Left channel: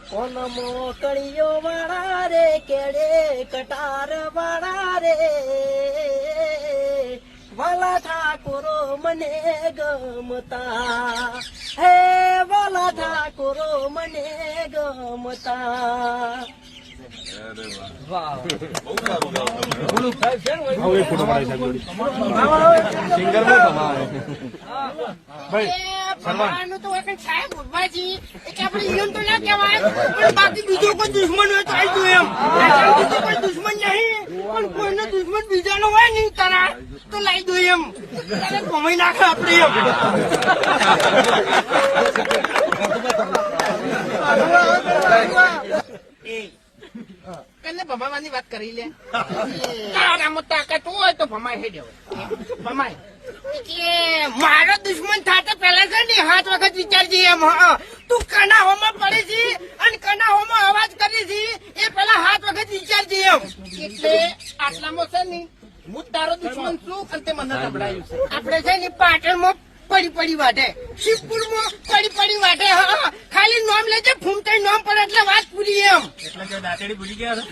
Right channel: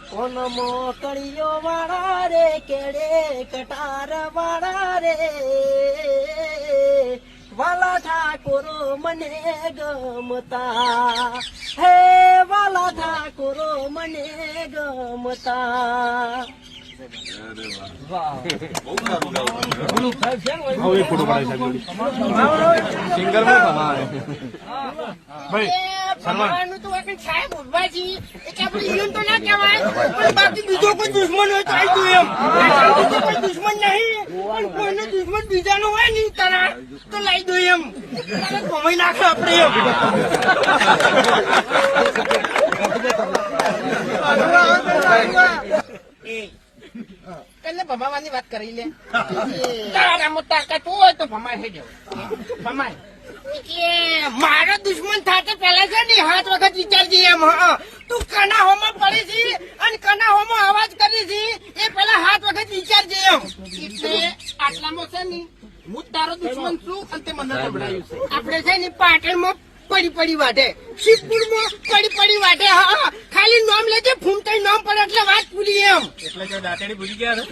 કોન મોકળીઓ વાળા રે કેડે કટાર વાળા રે વાલા ઠાકોરો મને ગમતા હે વાલા ઠાકોરો મને ગમતા સાહેબ ઉભા તો ના કહેવાય પણ બાકી બીજો કોઈ દુશ્મન હોય તો આવી દઉં એમ કોઈ દુશ્મન નહીં પણ કોઈનો દુશ્મન બીજાનો હોય નહીં તારા તો લાવી દઉં એમ કમાઈ નાખો આપડે એટલે ભમાવાની વાત કરી લે તારામાં તાકાત હોય તો ભમાય હે જવું ભમાય મારો દુશ્મન થતા પેલા છે ને 7 વખત વિચારજે એમ તું કનાહોમાં પડે છે અને કનાહોમાં અવાજ કરે છે એ પેલા 7 વખત વિચારજે એમ એટલે આટલામાં છે ને હું તારો દુશ્મન છું અને તે મને નબળાયું છે આપડે છે ને પાટણમાં પડી વાટે શિવપુરમાં પડી વાટે હા ખાલી નામ લેજે ફૂમતાઈ નામ પડે એટલે વાત પૂરી એમ એટલે દાંતડી ભૂલી ગયા